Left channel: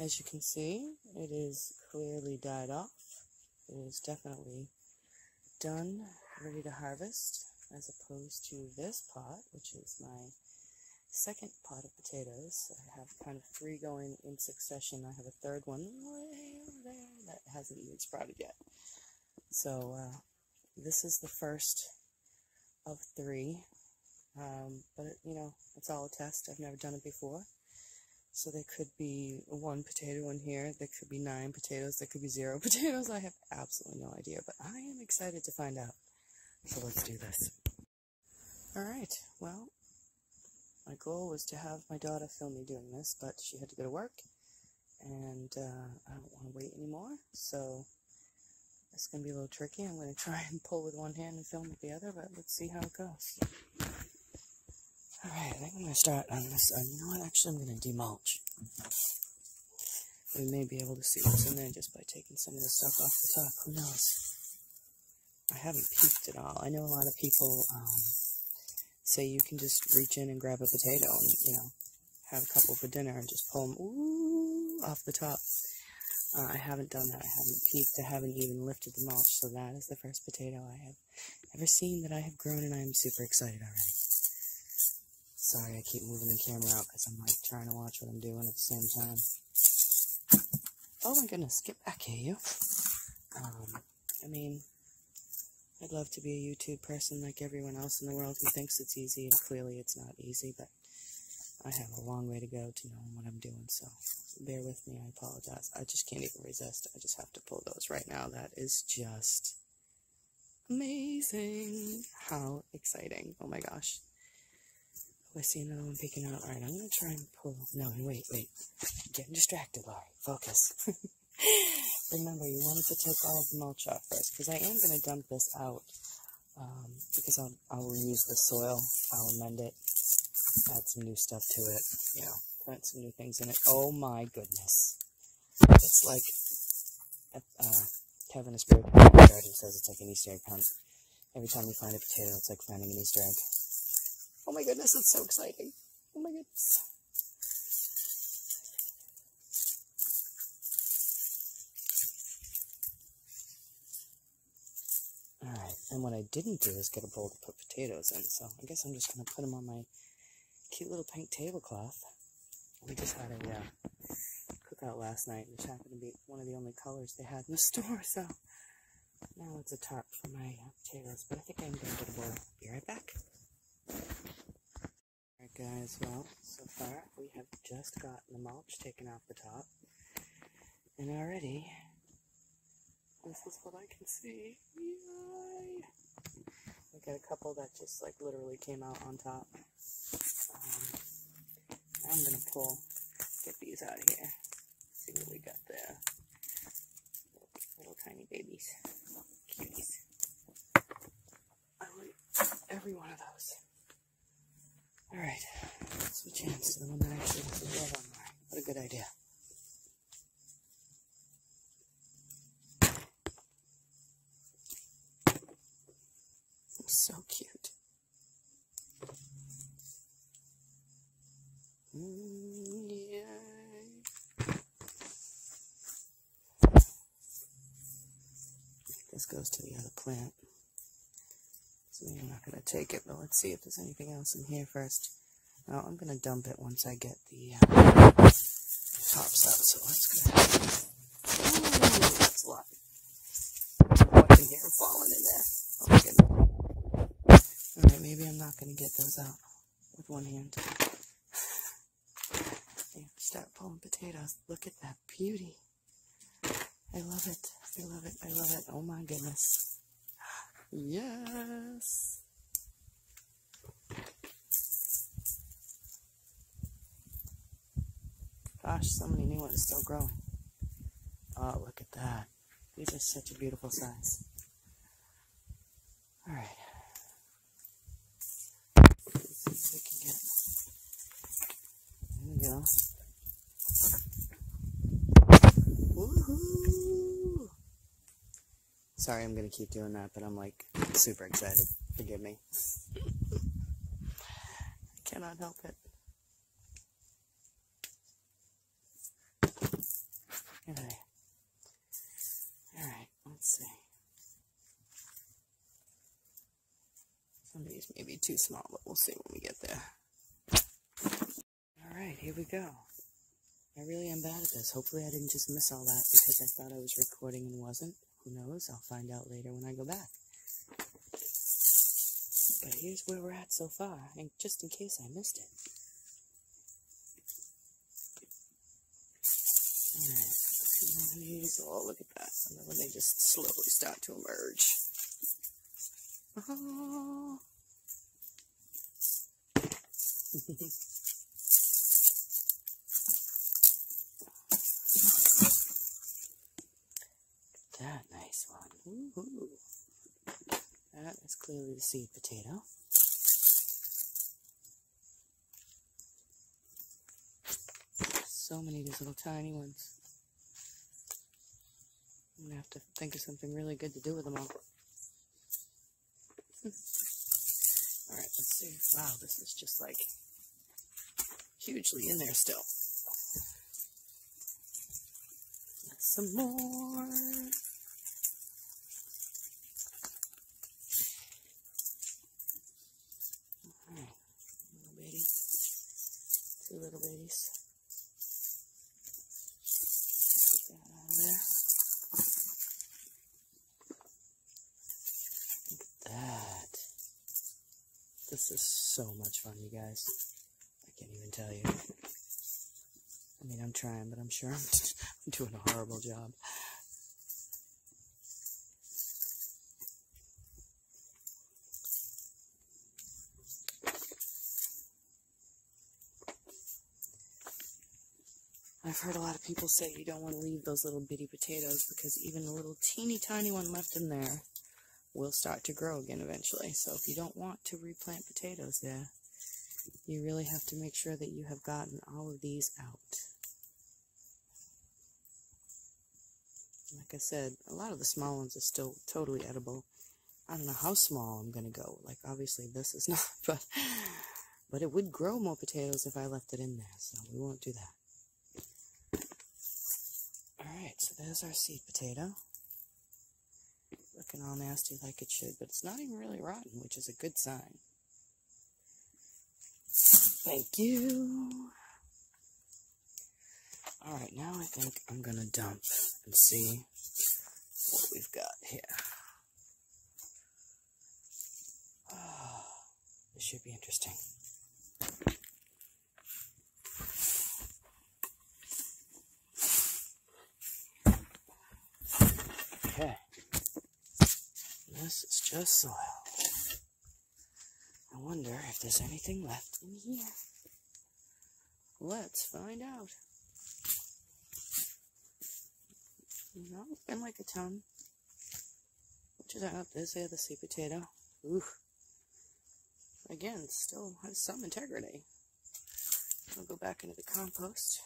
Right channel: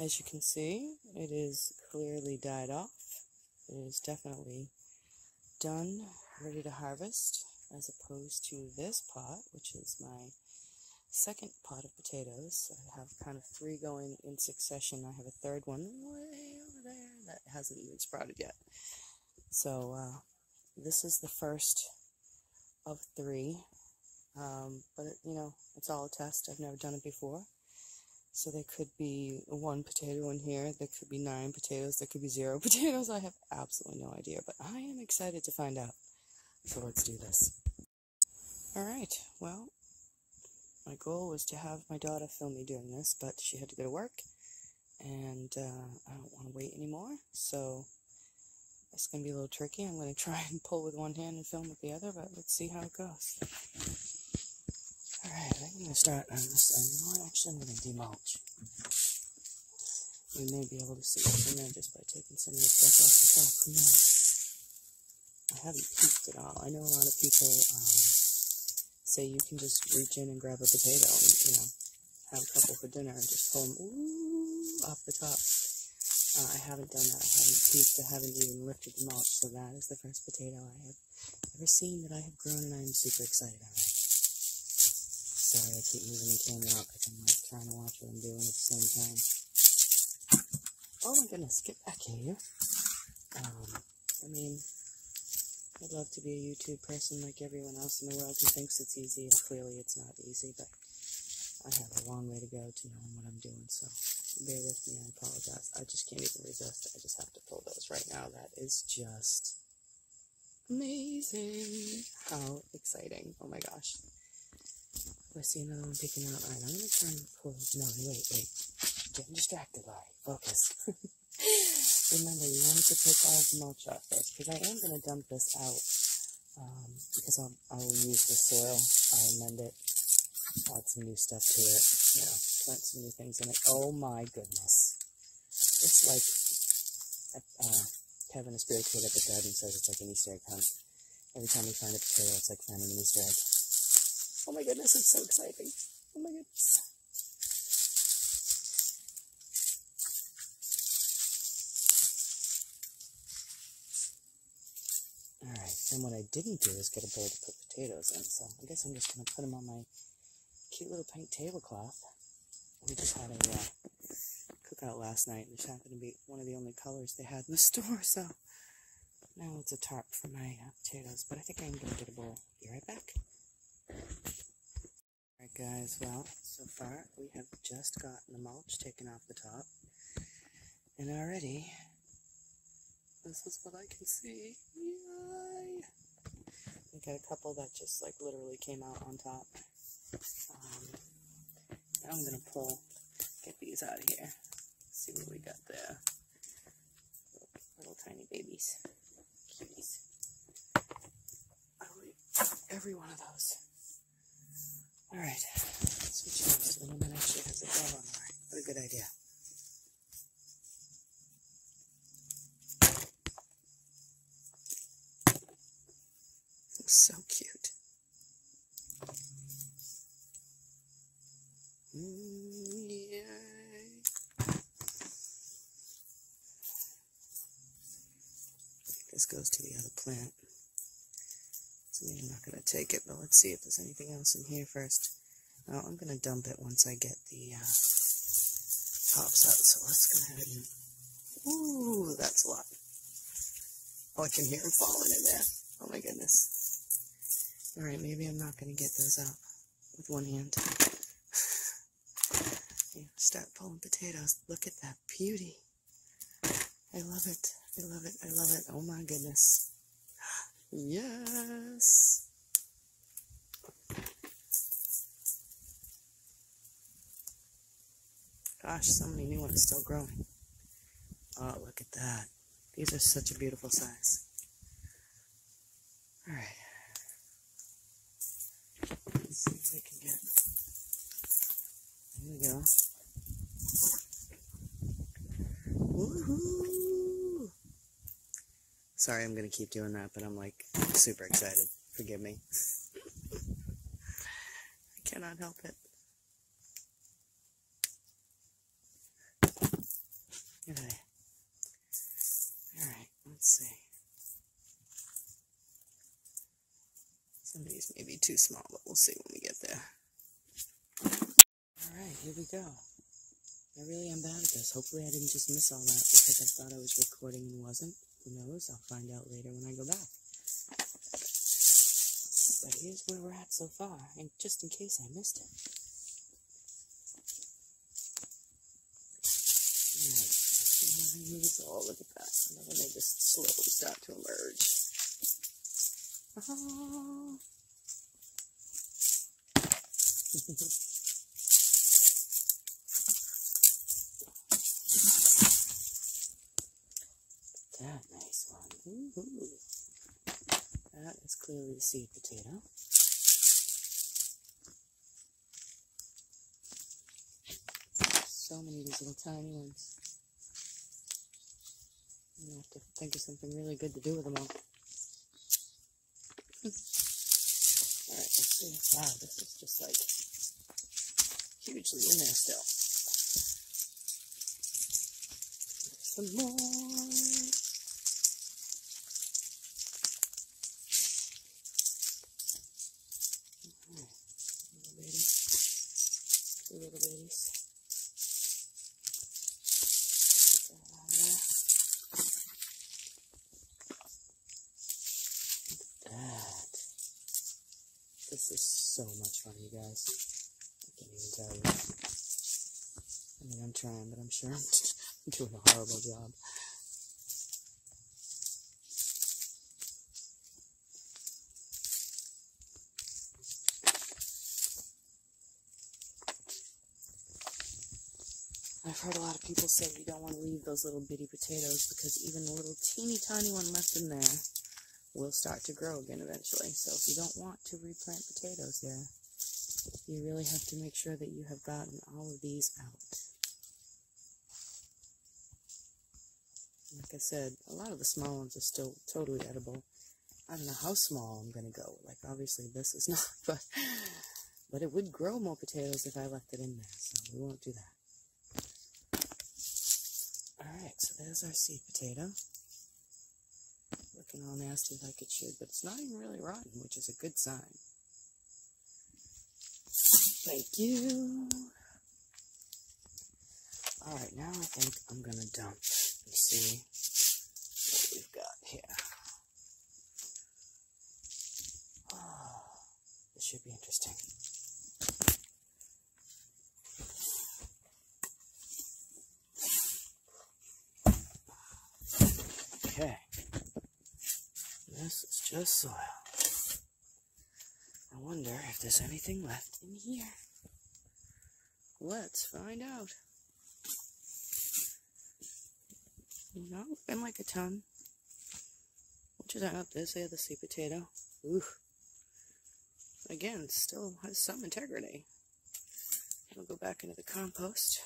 As you can see, it is clearly died off. It is definitely done, ready to harvest, as opposed to this pot, which is my second pot of potatoes. I have kind of 3 going in succession. I have a third one way over there that hasn't even sprouted yet. So this is the first of 3, but it's all a test. I've never done it before. So there could be 1 potato in here, there could be 9 potatoes, there could be 0 potatoes. I have absolutely no idea, but I am excited to find out. So let's do this. Alright, well, my goal was to have my daughter film me doing this, but she had to go to work, and I don't want to wait anymore, so it's going to be a little tricky. I'm going to try and pull with one hand and film with the other, but let's see how it goes. Alright, I think I'm going to start on this. You know what? Actually, I'm going to demulch. We may be able to see what's in there just by taking some of the stuff off the top. Who knows? I haven't peeked at all. I know a lot of people say you can just reach in and grab a potato and, have a couple for dinner and just pull them off the top. I haven't done that. I haven't peeked. I haven't even lifted the mulch. So that is the first potato I have ever seen that I have grown, and I am super excited already. Sorry, I keep moving the camera out because I'm trying to watch what I'm doing at the same time. Oh my goodness, get back here, you. I'd love to be a YouTube person like everyone else in the world who thinks it's easy, and clearly it's not easy, but I have a long way to go to knowing what I'm doing, so bear with me, I apologize. I just can't even resist. I just have to pull those right now. That is just amazing. How exciting. Oh my gosh. I see another one peeking out. Alright, I'm going to try and pull. No, wait. I'm getting distracted, Laurie. Focus. Remember, you wanted to take all of the mulch off first, because I am going to dump this out, because I will use the soil. I'll amend it, add some new stuff to it, plant some new things in it. Oh my goodness. It's like, Kevin, a spirit garden, says it's like an Easter egg hunt. Every time you find a potato, it's like finding an Easter egg. Oh my goodness, it's so exciting. Oh my goodness. Alright, and what I didn't do is get a bowl to put potatoes in, so I guess I'm just going to put them on my cute little pink tablecloth. We just had a cookout last night, and this happened to be one of the only colors they had in the store, so now it's a tarp for my potatoes, but I think I'm going to get a bowl. Be right back. Alright guys, well, so far we have just gotten the mulch taken off the top, and already this is what I can see. Yay! We got a couple that just literally came out on top. Now I'm gonna get these out of here. See what we got there. Little tiny babies, cuties. I want every one of those. Alright, switch hands to the one that actually has a glove on. Alright, what a good idea. So cute. Yay. This goes to the other plant. So I'm not going to take it, but let's see if there's anything else in here first. No, I'm going to dump it once I get the tops out, so let's go ahead. Ooh, that's a lot. Oh, I can hear them falling in there. Oh my goodness. Alright, maybe I'm not going to get those out with one hand. Start pulling potatoes. Look at that beauty. I love it. I love it. I love it. Oh my goodness. Yes. Gosh, so many new ones still growing. Oh, look at that. These are such a beautiful size. Alright. Let's see if we can get... There we go. Woohoo! Sorry, I'm going to keep doing that, but I'm super excited. Forgive me. I cannot help it. at that. Alright, let's see. Some of these may be too small, but we'll see when we get there. Alright, here we go. I really am bad at this. Hopefully I didn't just miss all that because I thought I was recording and wasn't. Who knows? I'll find out later when I go back. But here's where we're at so far, and just in case I missed it. Alright, oh, look at that. And then when they just slowly start to emerge. Oh. That nice one. Woo-hoo. That is clearly the seed potato. So many of these little tiny ones. I'm going to have to think of something really good to do with them all. Alright, let's see. Wow, this is just like hugely in there still. Some more. Alright, little baby. Two little babies. Get that out of there. Look at that. This is so much fun, you guys. I can't even tell you. I mean, I'm trying, but I'm sure I'm doing a horrible job. I've heard a lot of people say you don't want to leave those little bitty potatoes because even a little teeny tiny one left in there will start to grow again eventually. So if you don't want to replant potatoes there, you really have to make sure that you have gotten all of these out. Like I said, a lot of the small ones are still totally edible. I don't know how small I'm going to go. Like, obviously this is not, but it would grow more potatoes if I left it in there, so we won't do that. Alright, so there's our seed potato. Looking all nasty like it should, but it's not even really rotten, which is a good sign. Thank you. Alright, now I think I'm going to dump and see what we've got here. Oh, this should be interesting. Okay. This is just soil. I wonder if there's anything left in here. Let's find out. No, been like a ton. Which is up. There's the other sweet potato. Ooh. Again, still has some integrity. I'll go back into the compost.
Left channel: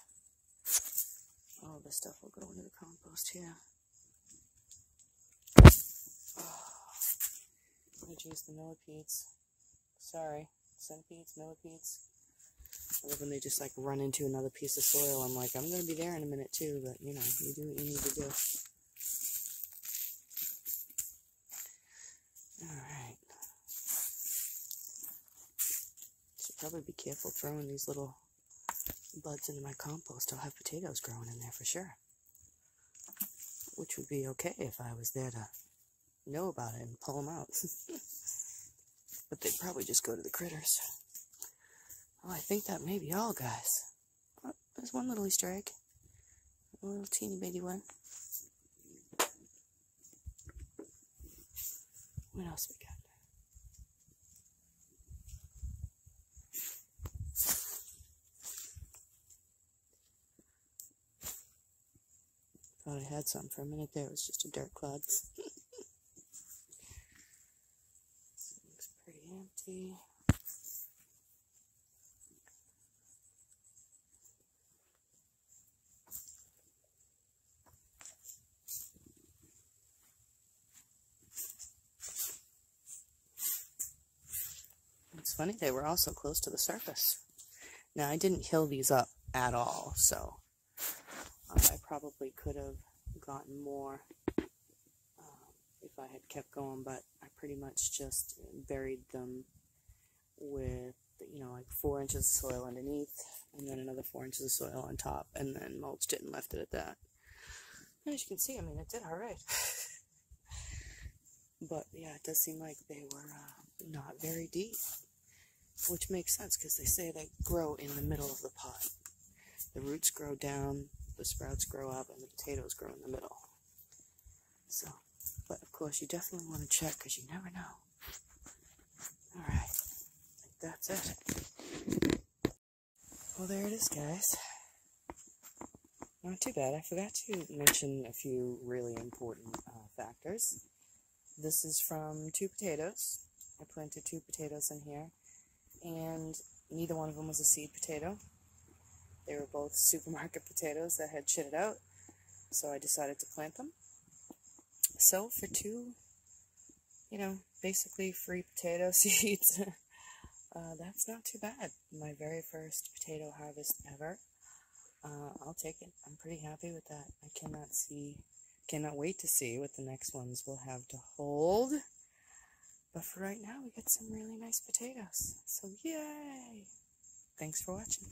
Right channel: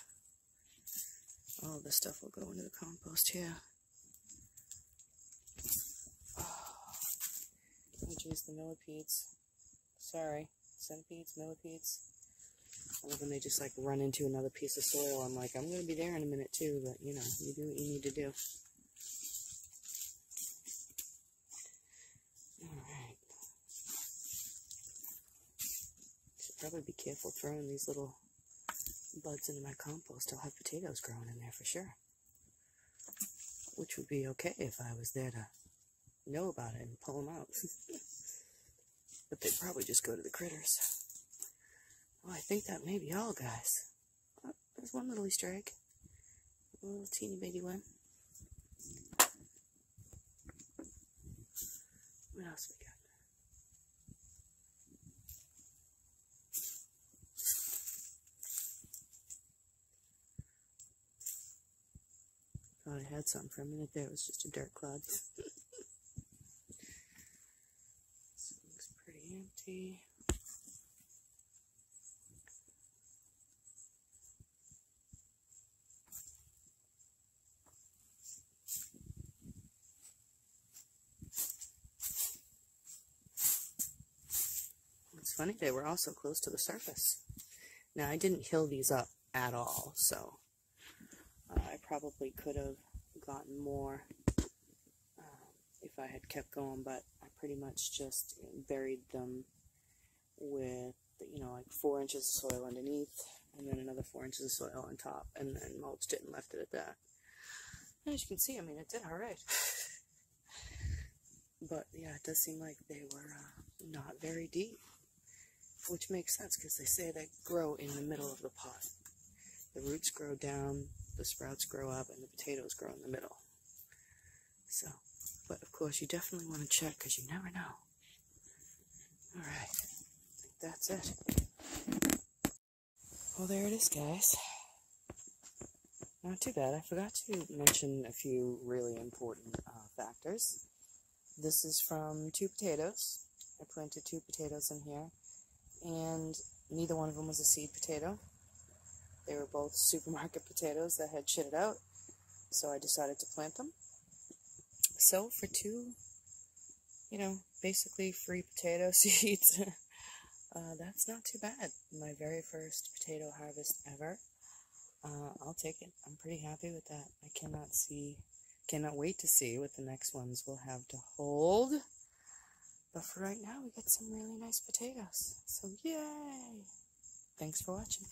All this stuff will go into the compost here. Oh, geez, the millipedes. Sorry, centipedes, millipedes. I love when they just like run into another piece of soil. I'm like, I'm going to be there in a minute too, but you know, you do what you need to do. Alright. Should probably be careful throwing these little buds into my compost. I'll have potatoes growing in there for sure. Which would be okay if I was there to know about it and pull them out. But they'd probably just go to the critters. Oh, I think that may be all, guys. Oh, there's one little Easter egg. A little teeny bitty one. What else we got? Thought I had something for a minute there. It was just a dirt clod. Looks pretty empty. It's funny, they were also close to the surface. Now, I didn't hill these up at all, so I probably could have gotten more if I had kept going, but I pretty much just buried them with, you know, like 4 inches of soil underneath, and then another 4 inches of soil on top, and then mulched it and left it at that. And as you can see, I mean, it did alright. But yeah, it does seem like they were not very deep, which makes sense because they say they grow in the middle of the pot. The roots grow down, the sprouts grow up, and the potatoes grow in the middle. So, but of course, you definitely want to check because you never know. Alright, I think that's it. Well, there it is, guys. Not too bad. I forgot to mention a few really important factors. This is from 2 potatoes. I planted 2 potatoes in here, and neither one of them was a seed potato. They were both supermarket potatoes that had shitted out, so I decided to plant them. So for 2, you know, basically free potato seeds, that's not too bad. My very first potato harvest ever. I'll take it. I'm pretty happy with that. I cannot wait to see what the next ones will have to hold. But for right now, we got some really nice potatoes. So yay! Thanks for watching.